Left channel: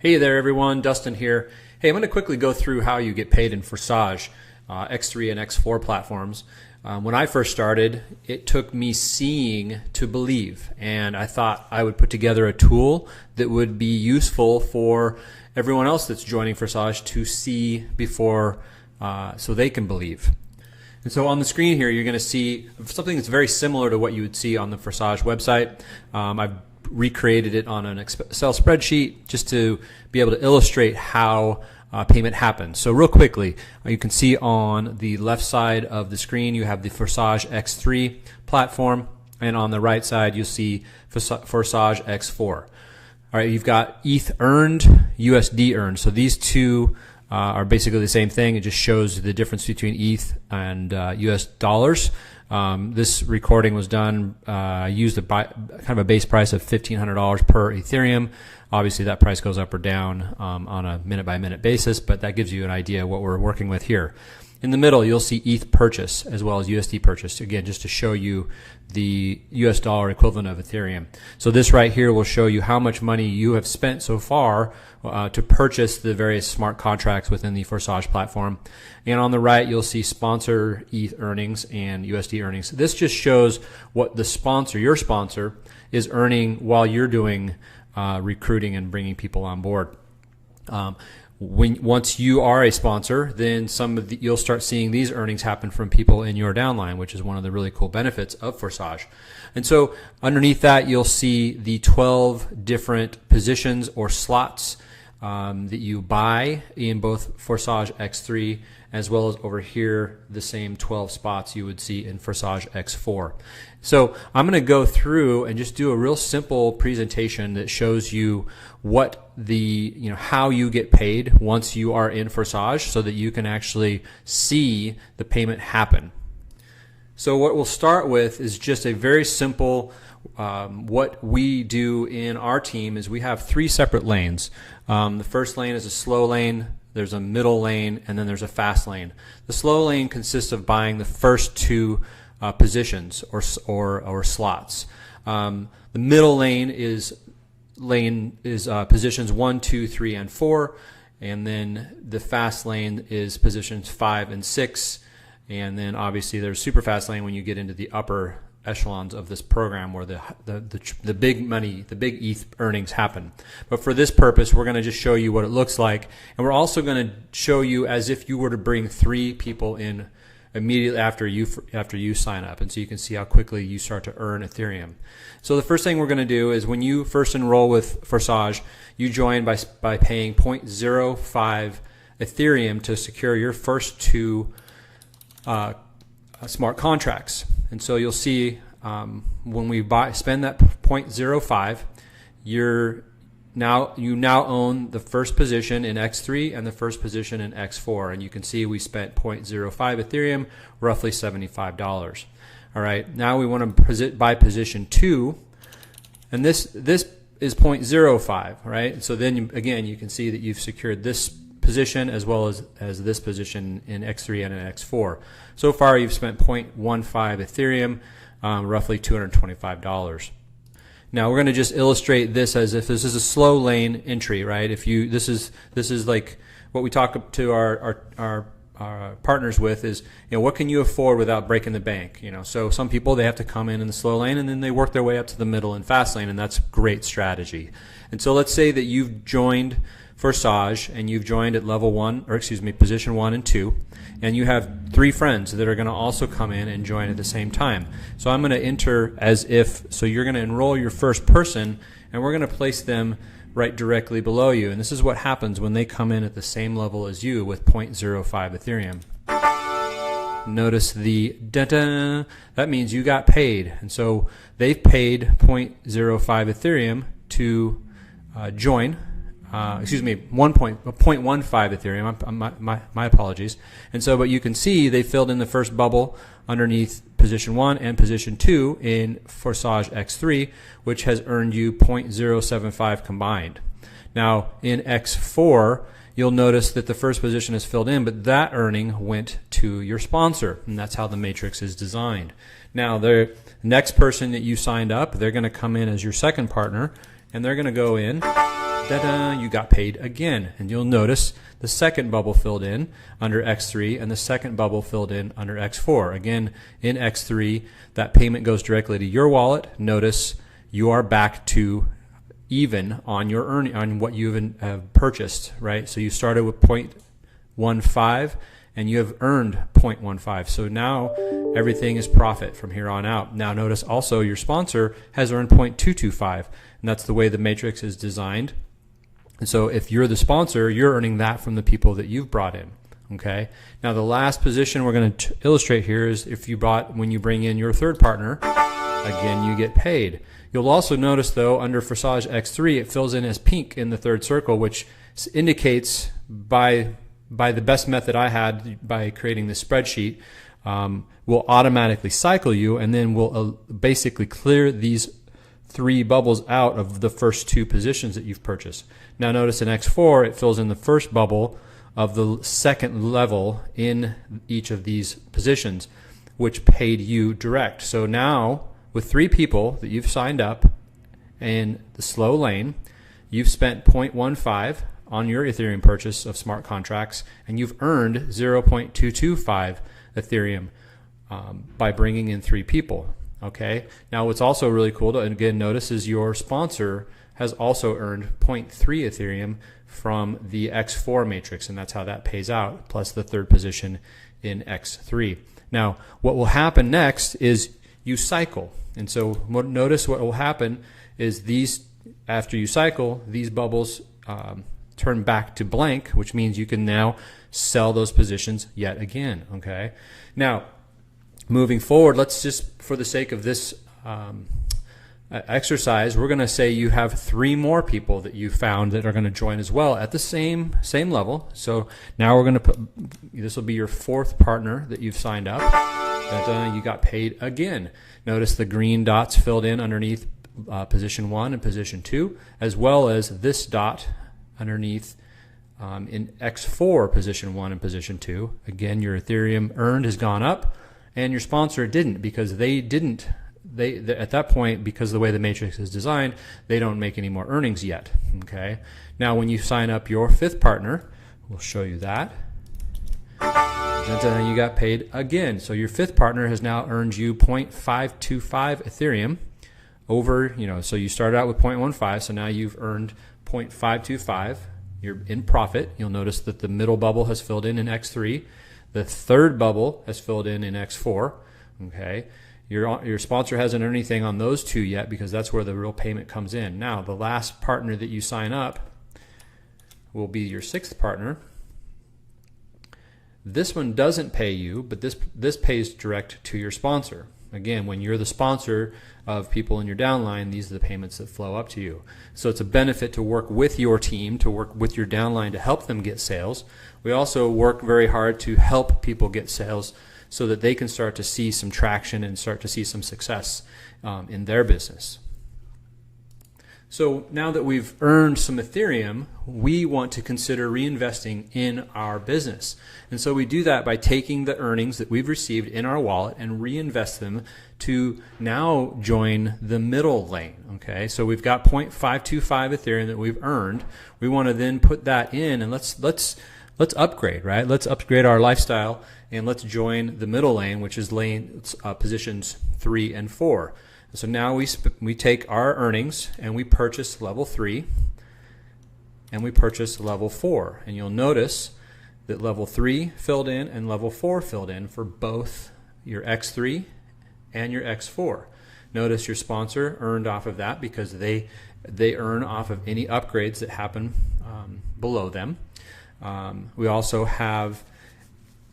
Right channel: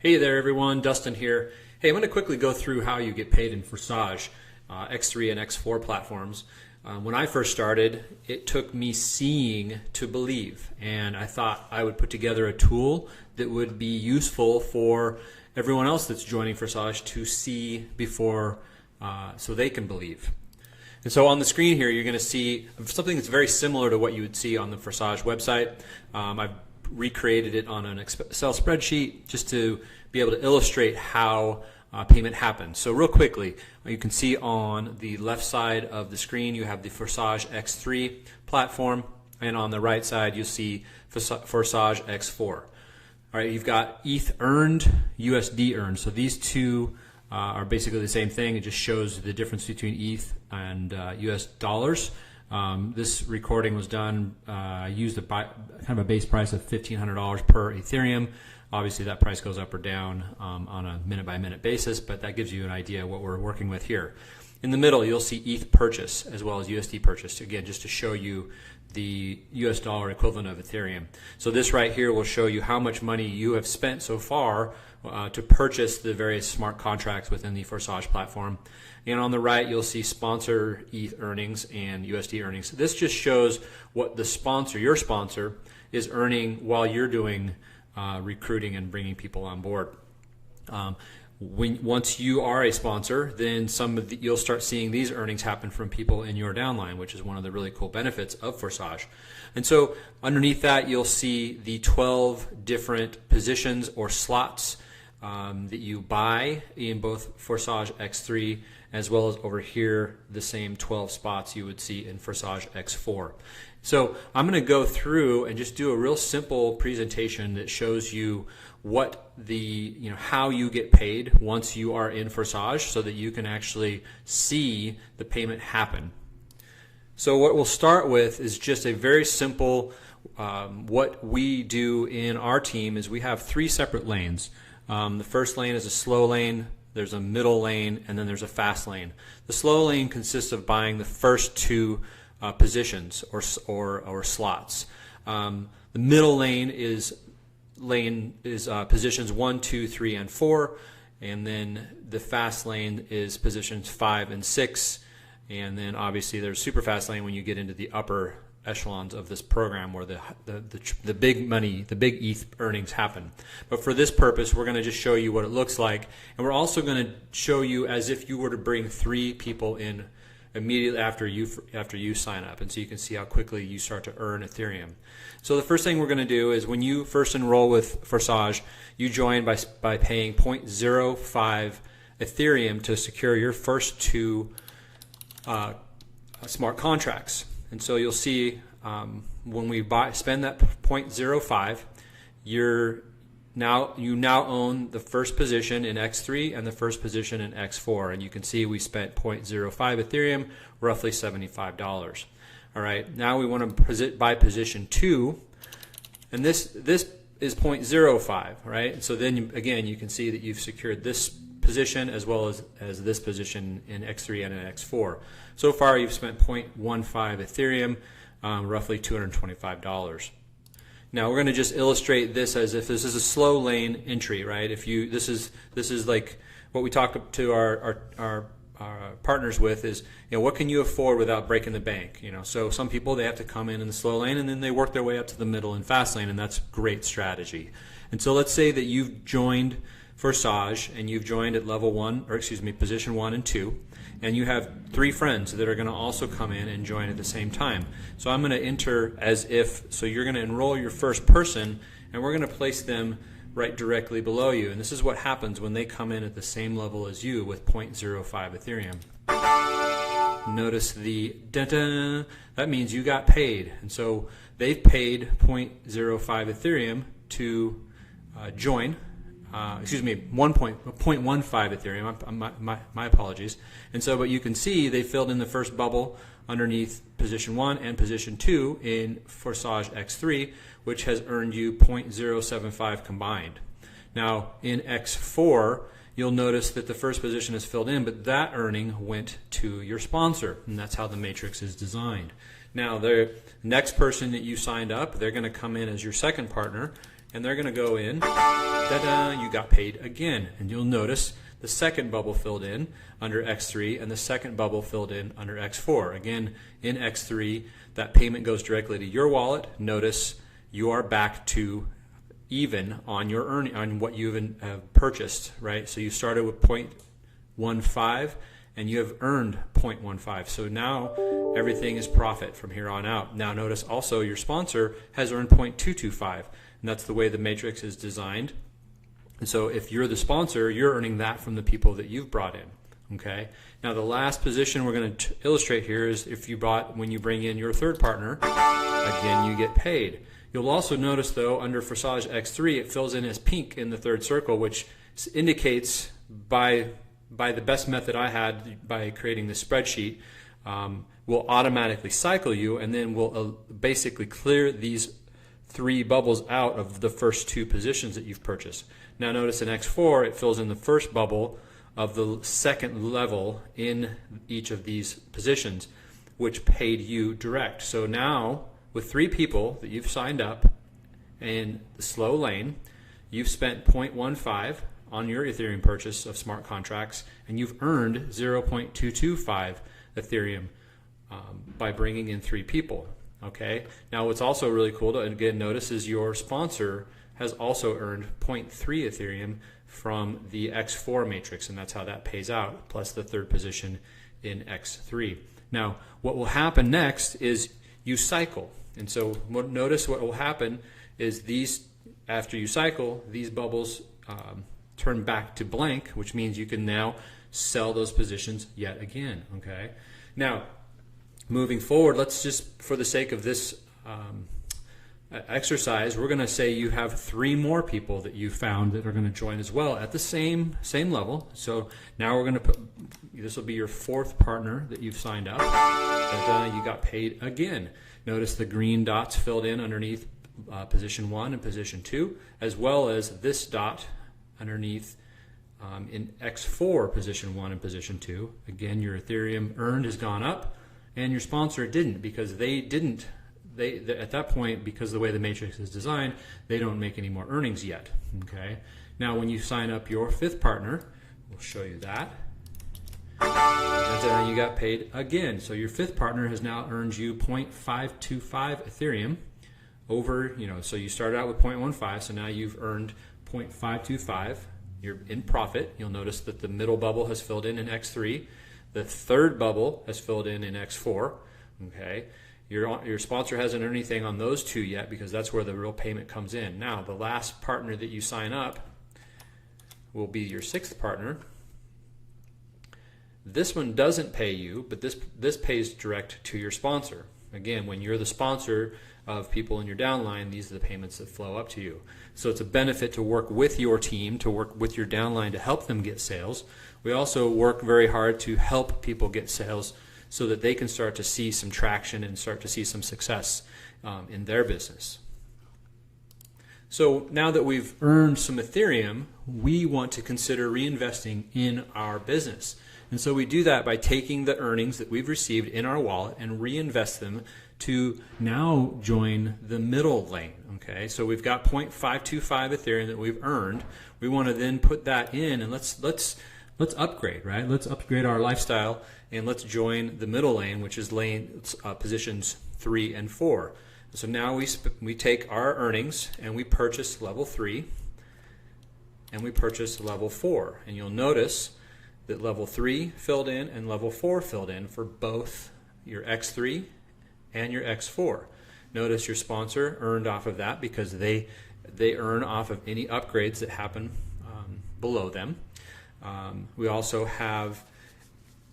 Hey there everyone, Dustin here. Hey, I'm going to quickly go through how you get paid in Forsage, X3 and X4 platforms. When I first started, it took me seeing to believe, and I thought I would put together a tool that would be useful for everyone else that's joining Forsage to see before so they can believe. And so on the screen here, you're going to see something that's very similar to what you would see on the Forsage website. I've recreated it on an Excel spreadsheet just to be able to illustrate how payment happens. So real quickly, you can see on the left side of the screen you have the Forsage X3 platform, and on the right side you'll see Forsage X4. All right, you've got ETH earned, USD earned. So these two are basically the same thing. It just shows the difference between ETH and US dollars. This recording was done, used kind of a base price of $1,500 per Ethereum. Obviously that price goes up or down on a minute by minute basis, but that gives you an idea of what we're working with here. In the middle you'll see ETH purchase as well as USD purchase, again just to show you the US dollar equivalent of Ethereum. So this right here will show you how much money you have spent so far to purchase the various smart contracts within the Forsage platform. And on the right you'll see sponsor ETH earnings and USD earnings. This just shows what the sponsor, your sponsor, is earning while you're doing recruiting and bringing people on board. Once you are a sponsor, then you'll start seeing these earnings happen from people in your downline, which is one of the really cool benefits of Forsage. And so underneath that you'll see the 12 different positions or slots that you buy in both Forsage X3 as well as over here the same 12 spots you would see in Forsage X4. So I'm going to go through and just do a real simple presentation that shows you what how you get paid once you are in Forsage so that you can actually see the payment happen. So what we'll start with is just a very simple, what we do in our team is we have 3 separate lanes. The first lane is a slow lane, there's a middle lane, and then there's a fast lane. The slow lane consists of buying the first 2 positions or slots. The middle lane is positions 1, 2, 3, and 4, and then the fast lane is positions 5 and 6, and then obviously there's super fast lane when you get into the upper echelons of this program where the big money, the big ETH earnings happen. But for this purpose, we're going to just show you what it looks like, and we're also going to show you as if you were to bring 3 people in immediately after you sign up, and so you can see how quickly you start to earn Ethereum. So the first thing we're going to do is when you first enroll with Forsage, you join by paying 0.05 Ethereum to secure your first 2 smart contracts. And so you'll see when we spend that 0.05, you now own the first position in X3 and the first position in X4, and you can see we spent 0.05 Ethereum, roughly $75. All right, now we want to buy position 2, and this is 0.05, right? So then again you can see that you've secured this position as well as this position in X3 and in X4. So far you've spent 0.15 Ethereum, roughly $225. Now we're going to just illustrate this as if this is a slow lane entry, right? This is like what we talk to our partners with is, what can you afford without breaking the bank? So some people, they have to come in the slow lane and then they work their way up to the middle and fast lane, and that's great strategy. And so let's say that you've joined Forsage and you've joined at position 1 and 2, and you have 3 friends that are going to also come in and join at the same time. So I'm going to enter so you're going to enroll your first person, and we're going to place them right directly below you. And this is what happens when they come in at the same level as you with 0.05 Ethereum. Notice the da-da, that means you got paid. And so they've paid 0.05 Ethereum to join. 0.15 Ethereum, my apologies. And so, but you can see they filled in the first bubble underneath position 1 and position 2 in Forsage X3, which has earned you 0.075 combined. Now in X4, you'll notice that the first position is filled in, but that earning went to your sponsor, and that's how the matrix is designed. Now the next person that you signed up, they're going to come in as your second partner, and they're going to go in da-da, you got paid again. And you'll notice the second bubble filled in under X3 and the second bubble filled in under X4. Again, in X3, that payment goes directly to your wallet. Notice you are back to even on your on what you have purchased, right? So you started with 0.15 and you have earned 0.15. So now everything is profit from here on out. Now notice also your sponsor has earned 0.225, and that's the way the matrix is designed. And so if you're the sponsor, you're earning that from the people that you've brought in. Okay. Now the last position we're going to illustrate here is if you when you bring in your third partner, again you get paid. You'll also notice though under Forsage X3 it fills in as pink in the third circle, which indicates by the best method I had by creating this spreadsheet, will automatically cycle you, and then will basically clear these three bubbles out of the first two positions that you've purchased. Now notice in X4 it fills in the first bubble of the second level in each of these positions, which paid you direct. So now with three people that you've signed up in the slow lane, you've spent 0.15 on your Ethereum purchase of smart contracts, and you've earned 0.225 Ethereum by bringing in three people. Okay. Now what's also really cool to again notice is your sponsor has also earned 0.3 Ethereum from the X4 matrix, and that's how that pays out, plus the third position in X3. Now what will happen next is you cycle, and so notice what will happen is these, after you cycle, these bubbles turn back to blank, which means you can now sell those positions yet again. Okay. Now moving forward, let's just, for the sake of this exercise, we're going to say you have three more people that you found that are going to join as well at the same level. So now we're going to put, this will be your fourth partner that you've signed up. You got paid again. Notice the green dots filled in underneath position 1 and position 2, as well as this dot underneath in X4 position 1 and position 2. Again, your Ethereum earned has gone up, and your sponsor didn't, because they at that point, because of the way the matrix is designed, they don't make any more earnings yet. Okay. Now when you sign up your fifth partner, we'll show you that. And then you got paid again. So your fifth partner has now earned you 0.525 Ethereum over, so you started out with 0.15, so now you've earned 0.525. You're in profit. You'll notice that the middle bubble has filled in X3. The third bubble has filled in X4. Okay. Your sponsor hasn't earned anything on those two yet, because that's where the real payment comes in. Now, the last partner that you sign up will be your sixth partner. This one doesn't pay you, but this pays direct to your sponsor. Again, when you're the sponsor of people in your downline, these are the payments that flow up to you. So it's a benefit to work with your team, to work with your downline to help them get sales. We also work very hard to help people get sales so that they can start to see some traction and start to see some success in their business. So now that we've earned some Ethereum, we want to consider reinvesting in our business. And so we do that by taking the earnings that we've received in our wallet and reinvest them to now join the middle lane. Okay, so we've got 0.525 Ethereum that we've earned. We want to then put that in, and let's upgrade, right? Let's upgrade our lifestyle, and let's join the middle lane, which is positions 3 and 4. So now we take our earnings and we purchase level 3 and we purchase level 4. And you'll notice that level 3 filled in and level 4 filled in for both your X3 and your X4. Notice your sponsor earned off of that because they earn off of any upgrades that happen below them. We also have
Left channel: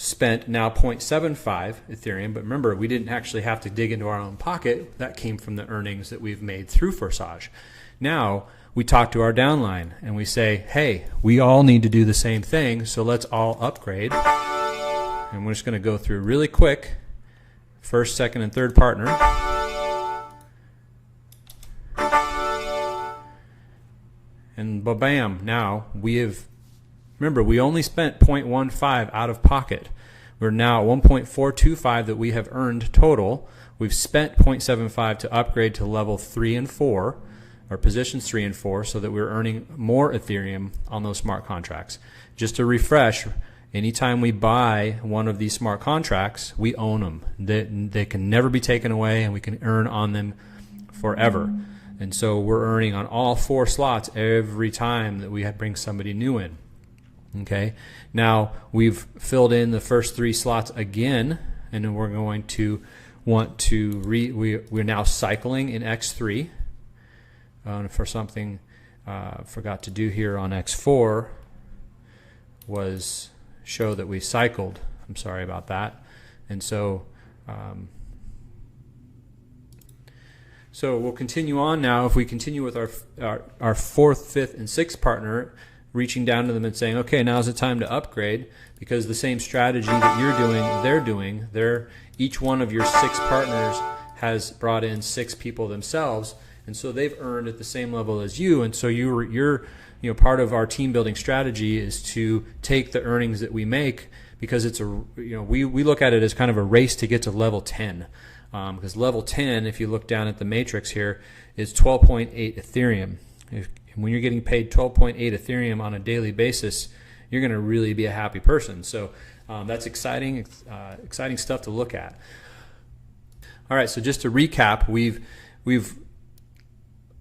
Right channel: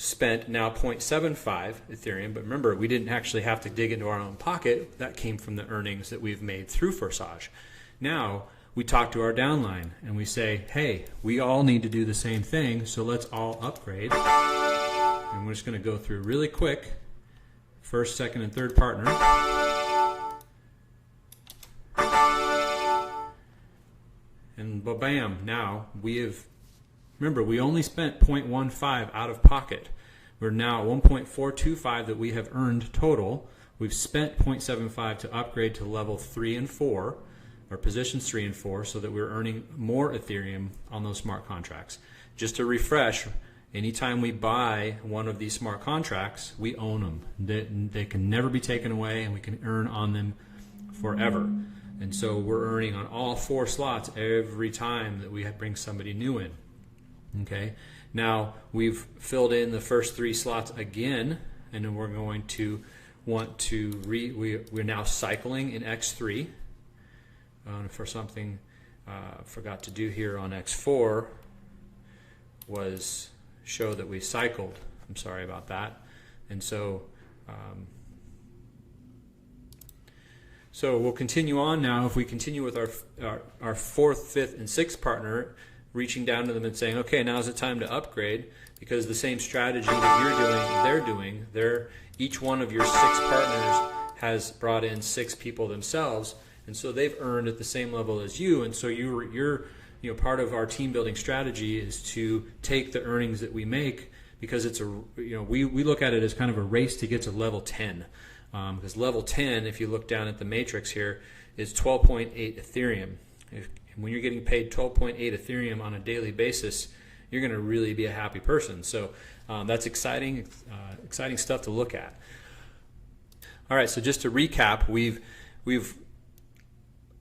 spent now 0.75 Ethereum, but remember, we didn't actually have to dig into our own pocket. That came from the earnings that we've made through Forsage. Now we talk to our downline and we say, hey, we all need to do the same thing, so let's all upgrade. And we're just going to go through really quick, first, second, and third partner. And bam, now we have, remember, we only spent 0.15 out of pocket. We're now at 1.425 that we have earned total. We've spent 0.75 to upgrade to level 3 and 4. or positions 3 and 4, so that we're earning more Ethereum on those smart contracts. Just to refresh, anytime we buy one of these smart contracts, we own them. They can never be taken away, and we can earn on them forever. And so we're earning on all 4 slots every time that we bring somebody new in. Okay. Now we've filled in the first 3 slots again, and then we're going to want to we're now cycling in X3. For something forgot to do here on X4 was show that we cycled. I'm sorry about that. And so so we'll continue on now. If we continue with our 4th, 5th, and 6th partner, reaching down to them and saying, okay, now's the time to upgrade, because the same strategy that you're doing, they're doing. Each one of your 6 partners has brought in 6 people themselves, and so they've earned at the same level as you. And so you're part of our team building strategy is to take the earnings that we make, because it's we look at it as kind of a race to get to level 10. Because level 10, if you look down at the matrix here, is 12.8 Ethereum. When you're getting paid 12.8 Ethereum on a daily basis, you're going to really be a happy person. So that's exciting stuff to look at. All right, so just to recap, we've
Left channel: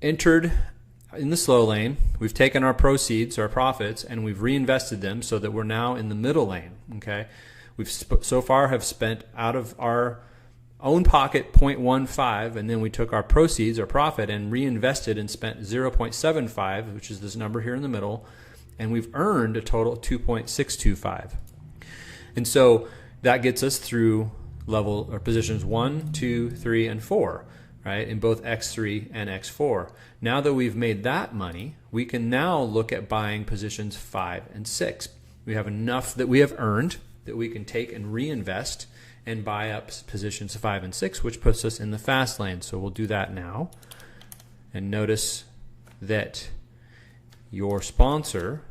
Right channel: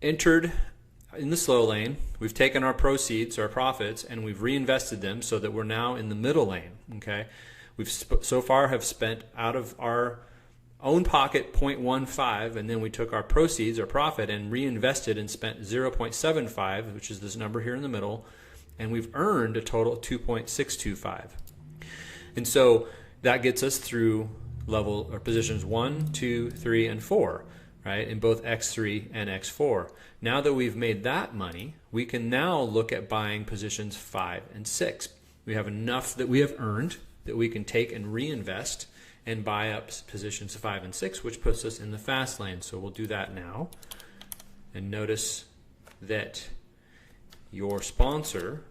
entered in the slow lane. We've taken our proceeds, our profits, and we've reinvested them so that we're now in the middle lane. Okay, we've so far have spent out of our own pocket 0.15, and then we took our proceeds, our profit, and reinvested and spent 0.75, which is this number here in the middle, and we've earned a total of 2.625. And so that gets us through level or positions 1, 2, 3, and 4, right, in both X3 and X4. Now that we've made that money, we can now look at buying positions 5 and 6. We have enough that we have earned that we can take and reinvest and buy up positions 5 and 6, which puts us in the fast lane. So we'll do that now. And notice that your sponsor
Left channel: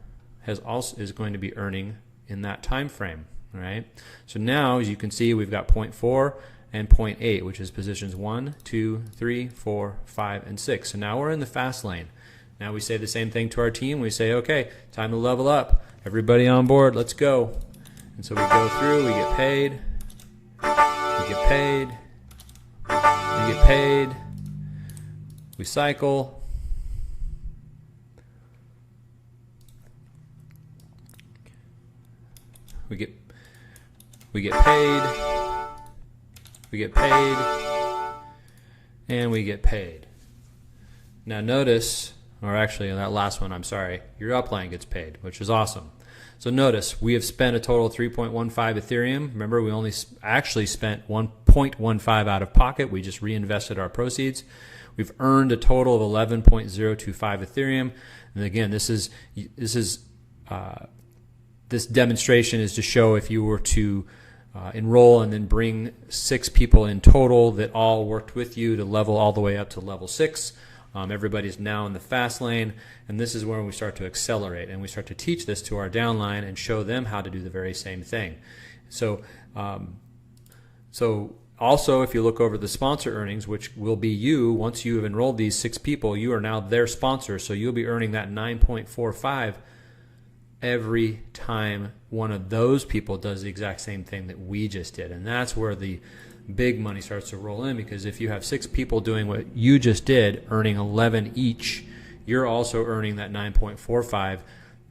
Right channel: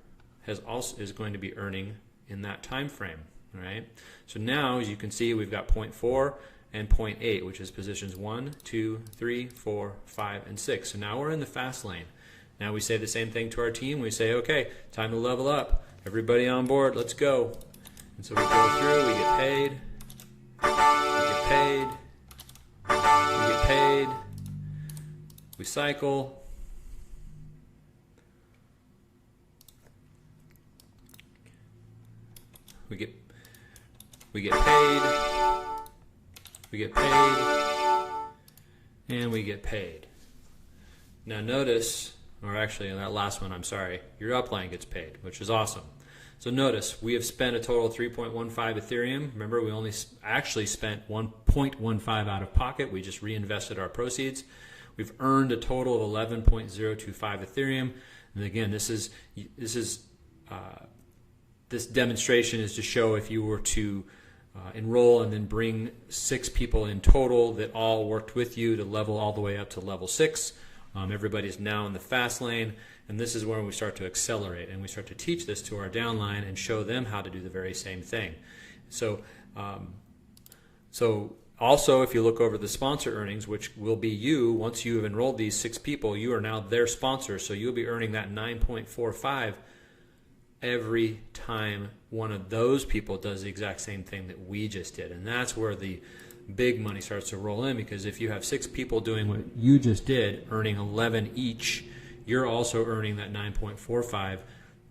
is going to be earning in that time frame, right? So now, as you can see, we've got 0.4 and 0.8, which is positions 1, 2, 3, 4, 5, and 6. So now we're in the fast lane. Now we say the same thing to our team. We say, okay, time to level up. Everybody on board, let's go. And so we go through, we get paid. We get paid, we get paid, we cycle, we get paid, we get paid, and we get paid. Now notice, or actually on that last one, I'm sorry, your upline gets paid, which is awesome. So notice, we have spent a total of 3.15 Ethereum. Remember, we only actually spent 1.15 out of pocket. We just reinvested our proceeds. We've earned a total of 11.025 Ethereum. And again, this demonstration is to show if you were to enroll and then bring 6 people in total that all worked with you to level all the way up to level 6. Everybody's now in the fast lane, and this is where we start to accelerate, and we start to teach this to our downline and show them how to do the very same thing. So, also, if you look over the sponsor earnings, which will be you, once you have enrolled these 6 people, you are now their sponsor, so you'll be earning that 9.45 every time one of those people does the exact same thing that we just did, and that's where the big money starts to roll in, because if you have 6 people doing what you just did, earning 11 each, you're also earning that 9.45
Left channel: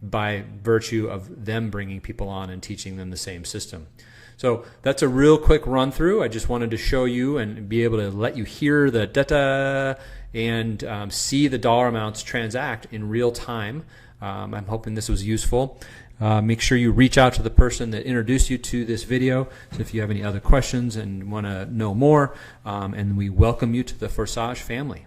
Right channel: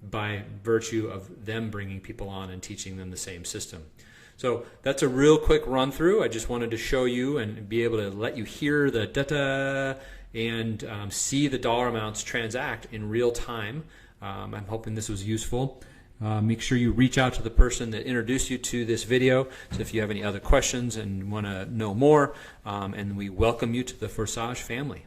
by virtue of them bringing people on and teaching them the same system. So that's a real quick run through. I just wanted to show you and be able to let you hear the data and see the dollar amounts transact in real time. I'm hoping this was useful. Make sure you reach out to the person that introduced you to this video if you have any other questions and want to know more. And we welcome you to the Forsage family.